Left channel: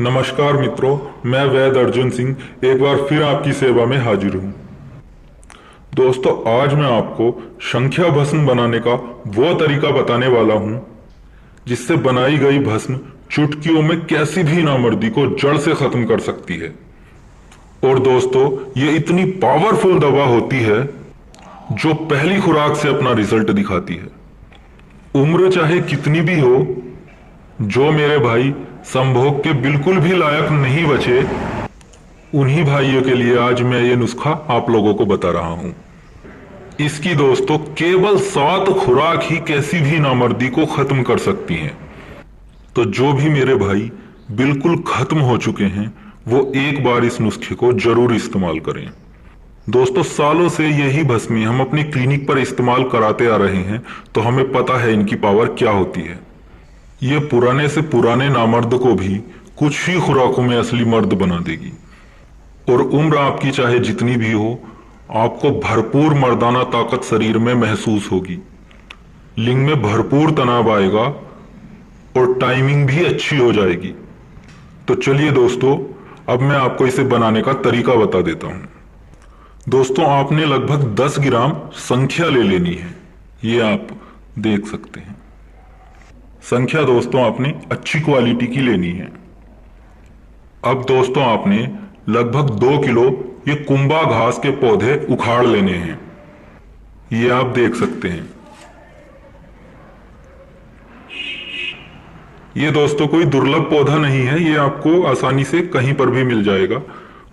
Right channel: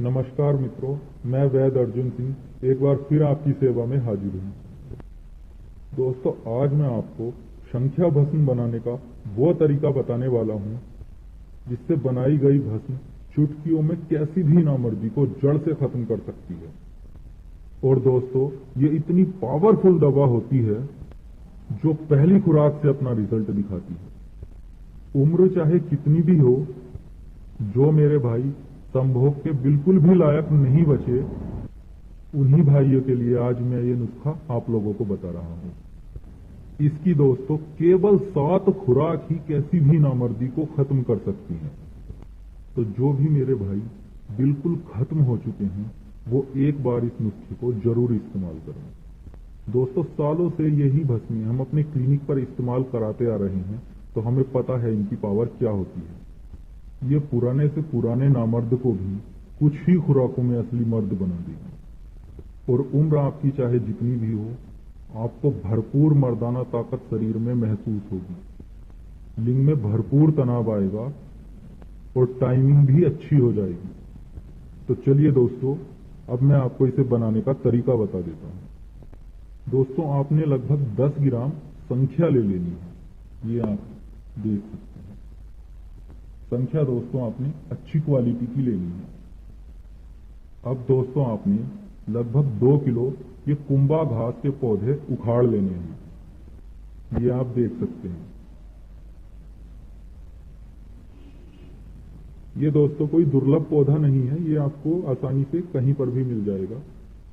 नमस्कार मित्रों, मैं वैद अर्जुन सिंह एक बार फिर आपकी सेवा में हाजिर हूँ। दोस्तों, आज मैं आपको संख्या भस्म बनाने का वो तरीका बताने वाला हूँ जिससे बनाई गई भस्म चुटकियों में कैसी भी नामर्दी को जड़ से खत्म कर सकती है। और दोस्तों, ये इतनी पावरफुल दवा होती है जो पहली खुराक से अपना रिजल्ट दिखाती है। उम्र चाहे कितनी भी हो, जो मेरे भाई संभोग के बिल्कुल भी लायक नहीं बचे, उन्हीं भाइयों के लिए आज मैं ये नुस्खा आप लोगों को बता रहा हूं। इसकी दोस्तों केवल 7 खुराक ही कैसी भी नामर्दी को खत्म कर सकती हैं। तो जो भी मेरे भाई बिल्कुल खत्म हो चुके हैं वो एक बार इस नुस्खे को जरूर इस्तेमाल करें। दोस्तों, सालों से यही भस्में हम अपनी क्लिनिक पर इस्तेमाल कराते आ रहे हैं, तो हमें पता है इनकी पावर क्या होती है। ये पुराने से पुराने नामर्द को भी कुछ ही खुराकों में असली मर्द बना देगी। और उम्र आपकी चाहे जितनी भी हो, आपको भरपूर मर्दाना ताकत शरीर में महसूस होगी। लिंग में भरपूर तनाव आएगा और टाइमिंग भी अच्छी हो जाएगी। तो चलिए दोस्तों, अब मैं आपको इसे बनाने का तरीका बता देता हूं। दोस्तों, आपने लगभग 10 ग्राम संख्या ले लेनी है। ये आप देख सकते हैं। संख्या दोस्तों आपने अच्छी क्वालिटी की लेनी है। अब दोस्तों आपने लगभग 2 किलो ये कुंभा घास के पौधे उखाड़ लेने हैं। ये आप देख सकते हैं। ये दोस्तों कोई दुर्लभ पौधा नहीं है, ये आपको आसानी से कहीं पर भी मिल जाएगा।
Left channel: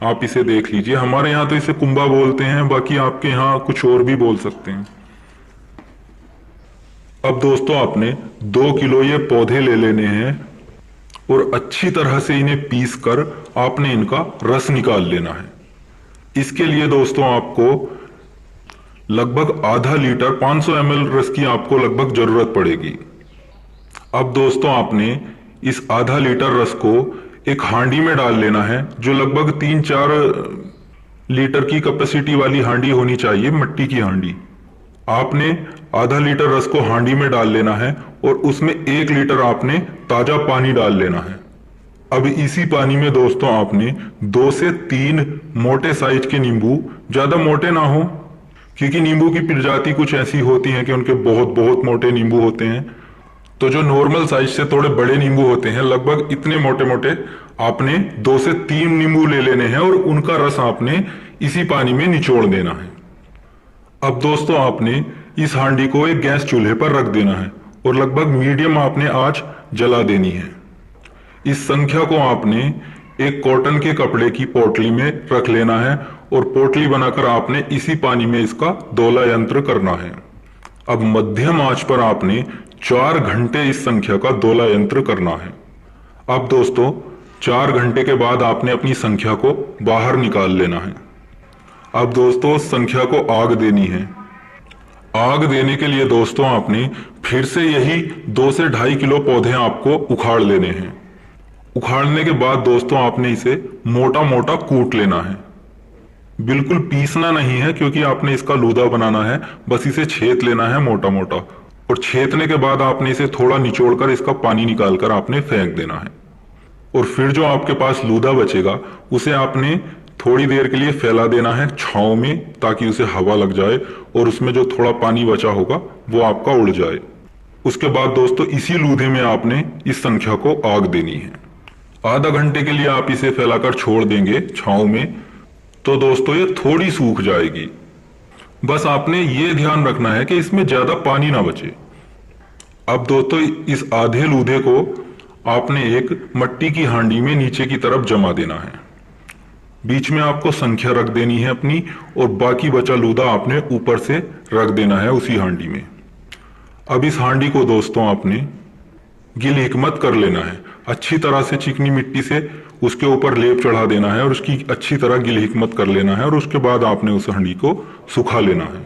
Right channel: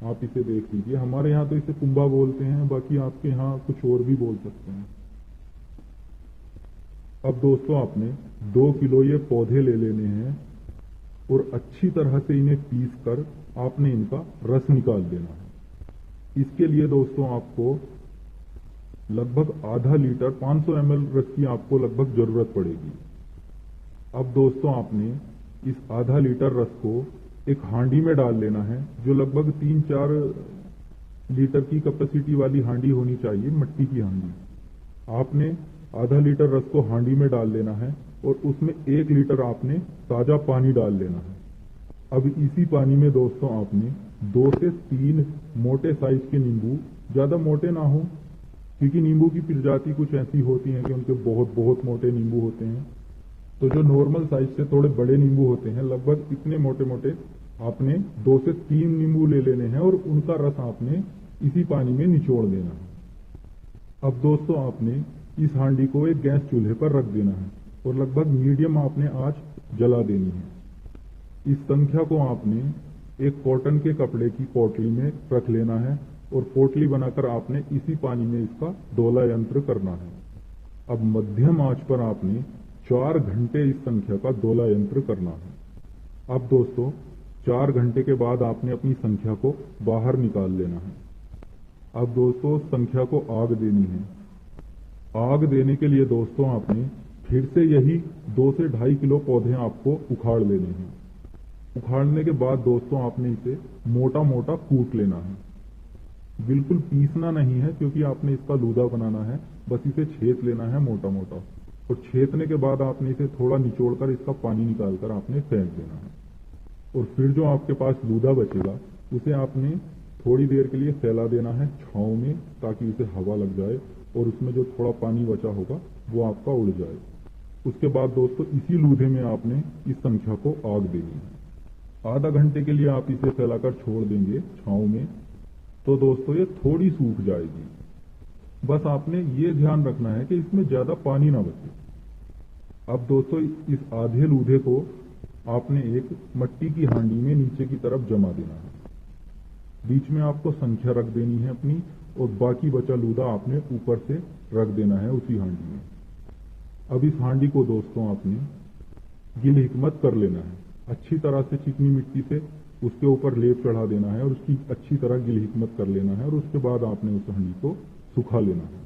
आप इसे देख लीजिए। हमारे यहाँ तो इसे कुंभा बोलते हैं, बाकी आपके यहाँ कुछ और भी बोल सकते हैं। अब दोस्तों आपने 2 किलो ये पौधे ले लेने हैं और अच्छी तरह से इन्हें पीस कर आपने इनका रस निकाल लेना है। इसके लिए दोस्तों आपको लगभग आधा लीटर 500 ml रस की आपको लगभग जरूरत पड़ेगी। अब दोस्तों आपने इस आधा लीटर रस को एक हांडी में डाल लेना है, जो लगभग 3-4 लीटर की कैपेसिटी वाली हांडी होनी चाहिए, मिट्टी की हांडी। आपने आधा लीटर रस को हांडी में डाल लेना है और उसमें 1 लीटर आपने ताजा पानी डाल लेना है। अब इसी पानी में दोस्तों आपने 2 से 3 मोटे साइज के नींबू, ज्यादा मोटे ना हो, क्योंकि नींबू की प्रजाति कुछ ऐसी होती है कि उनके बहुत बहुत मोटे नींबू होते हैं। तो जो नॉर्मल साइज से थोड़े बड़े नींबू होते हैं, लगभग इतने मोटे मोटे, आपने 2 से 3 नींबू ले लेने हैं और उनका रस आपने इसी पानी में निचोड़ देना है। अब दोस्तों आपने इस हांडी को एक गैस चूल्हे पर रख देना है और लगभग मीडियम आपने आंच जला देनी है। इस संख्या को आपने एक कॉटन के कपड़े की पोटली में रख लेना है और पोटली बनाकर आपने इसी पानी में इसका दोला यंत्र करना है। अब मध्यम आंच पर आपने 4 घंटे इस संख्या का दोला यंत्र करना है। अब दोस्तों 4 घंटे के बाद आपने अपनी संख्या को बाहर निकाल लेना है। अब दोस्तों संख्या को आग देनी है। आग देने के लिए दोस्तों आपने फिर से यही 2 से 2.5 किलो पौधे आपको उखाड़ लेने हैं। उखाड़ने के बाद दोस्तों आपने इसे मोटा मोटा कूट लेना है। बिल्कुल पीसना नहीं है, क्योंकि आपने इसका लूदा बनाना है, बस इसे छेद लेना है मोटा मोटा। और छेदने के बाद आपने इसे थोड़ा निचोड़कर इसका पानी निकालकर आपने फेंक देना है। और फिर जो आपके पास लूदा बचेगा उसे आपने थोड़ी देर के लिए फैला देना है छांव में, ताकि उसे हवा लग जाए और उसमें जो थोड़ा पानी बचा होगा वो आपका उड़ जाए। उसके बाद दोस्तों इसी लूधे में आपने इस संख्या को आग देनी है। आधा घंटे के लिए आप इसे फैलाकर छोड़ देंगे छांव में, तो दोस्तों ये थोड़ी सूख जाएगी। बस आपने ये ध्यान रखना है कि इसमें ज्यादा पानी ना बचे। अब दोस्तों इस आधे लूधे को आपने एक मट्टी की हांडी में नीचे की तरफ जमा देना है। बीच में आपको संख्या रख देनी है अपनी, और बाकी बचा लूदा आपने ऊपर से रख देना है उसी हांडी में। अब इस हांडी को दोस्तों आपने गिल हिकमत कर लेना है। अच्छी तरह से चिकनी मिट्टी से उसके ऊपर लेप चढ़ा देना है और उसकी अच्छी तरह गिल हिकमत कर लेना है। और उसके बाद आपने उस हांडी को सुखा लेना है।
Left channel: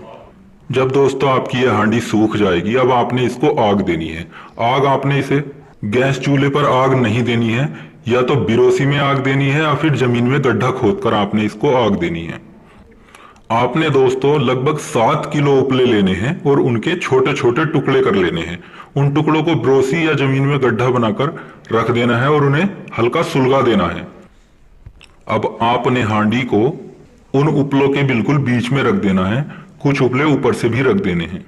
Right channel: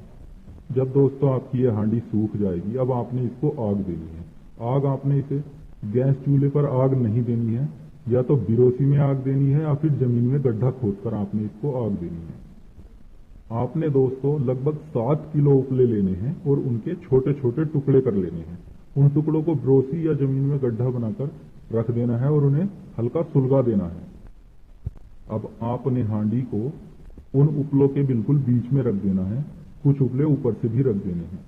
जब दोस्तों आपकी यह हांडी सूख जाएगी, अब आपने इसको आग देनी है। आग आपने इसे गैस चूल्हे पर आग नहीं देनी है, या तो बिरोसी में आग देनी है या फिर जमीन में गड्ढा खोदकर आपने इसको आग देनी है। आपने दोस्तों लगभग 7 किलो उपले लेने हैं और उनके छोटे छोटे टुकड़े कर लेने हैं। उन टुकड़ों को बिरोसी या जमीन में गड्ढा बनाकर रख देना है और उन्हें हल्का सुलगा देना है। अब आपने हांडी को उन उपलों के बिल्कुल बीच में रख देना है, कुछ उपले ऊपर से भी रख देने हैं।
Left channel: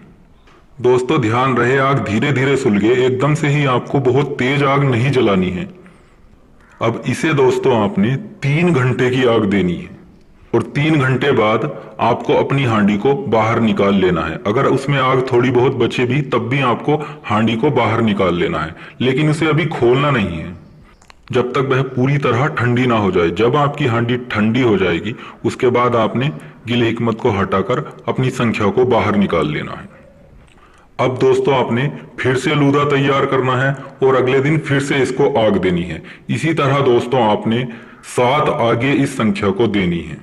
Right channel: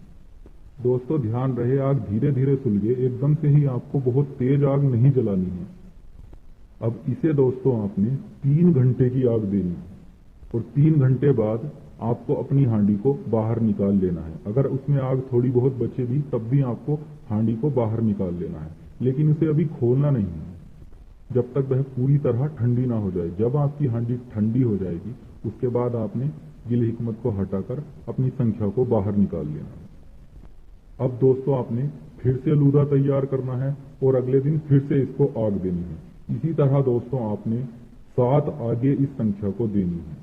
दोस्तों ध्यान रहे आग धीरे धीरे सुलगे, एकदम से ही आपको बहुत तेज आग नहीं जलानी है। अब इसे दोस्तों आपने 3 घंटे की आग देनी है और 3 घंटे बाद आपको अपनी हांडी को बाहर निकाल लेना है। अगर उसमें आग थोड़ी बहुत बचे भी तब भी आपको हांडी को बाहर निकाल लेना है, लेकिन उसे अभी खोलना नहीं है जब तक वह पूरी तरह ठंडी ना हो जाए। जब आपकी हांडी ठंडी हो जाएगी उसके बाद आपने गिल हिकमत को हटाकर अपनी संख्या को बाहर निकाल लेना है। अब दोस्तों आपने फिर से लूदा तैयार करना है और अगले दिन फिर से इसको आग देनी है। इसी तरह दोस्तों आपने 7 आगे इस संख्या को देनी है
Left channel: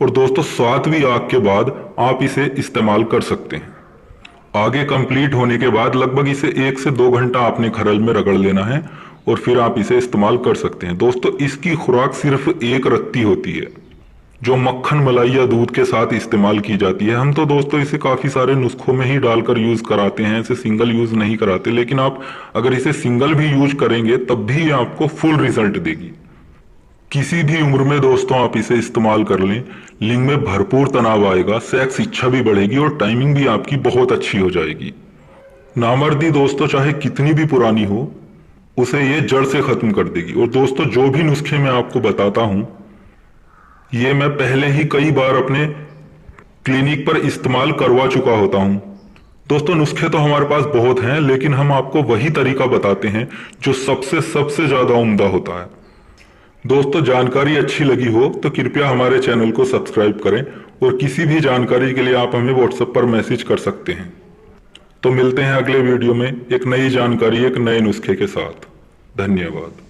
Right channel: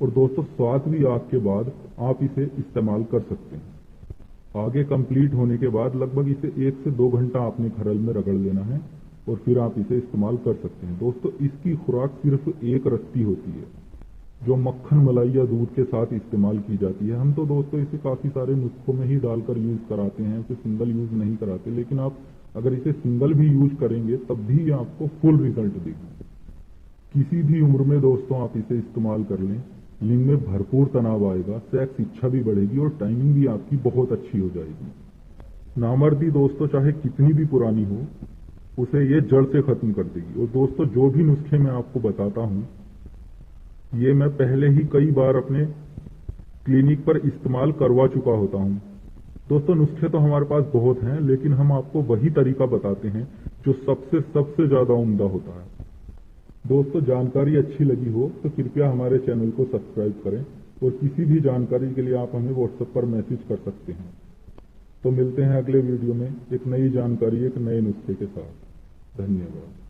और दोस्तों 7वीं आग के बाद आप इसे इस्तेमाल कर सकते हैं। आगे कंप्लीट होने के बाद लगभग इसे 1 से 2 घंटा आपने खरल में रगड़ लेना है और फिर आप इसे इस्तेमाल कर सकते हैं। दोस्तों इसकी खुराक सिर्फ 1 रत्ती होती है जो मक्खन मलाई या दूध के साथ इस्तेमाल की जाती है। हम तो दोस्तों इसे काफी सारे नुस्खों में ही डालकर यूज कराते हैं, इसे सिंगल यूज नहीं कराते, लेकिन आप अगर इसे सिंगल भी यूज करेंगे तब भी आपको फुल रिजल्ट देगी। किसी भी उम्र में दोस्तों आप इसे इस्तेमाल कर लें, लिंग में भरपूर तनाव आएगा, सेक्स इच्छा भी बढ़ेगी और टाइमिंग भी आपकी बहुत अच्छी हो जाएगी। नामर्दी दोस्तों चाहे कितनी भी पुरानी हो उसे ये जड़ से खत्म कर देगी। और दोस्तों जो भी नुस्खे मैं आपको बताता हूं ये मैं पहले ही कई बार अपने क्लिनिक पर इस्तेमाल करवा चुका होता हूं। दोस्तों नुस्खे तो हमारे पास बहुत हैं, लेकिन हम आपको वही तरीका बताते हैं जो सबसे ज्यादा उम्दा होता है। दोस्तों जानकारी अच्छी लगी हो तो कृपया हमारे चैनल को सब्सक्राइब करें और किसी भी जानकारी के लिए आप हमें व्हाट्सएप पर मैसेज कर सकते हैं। तो मिलते हैं अगले वीडियो में एक नई जानकारी एक नए नुस्खे के साथ। धन्यवाद।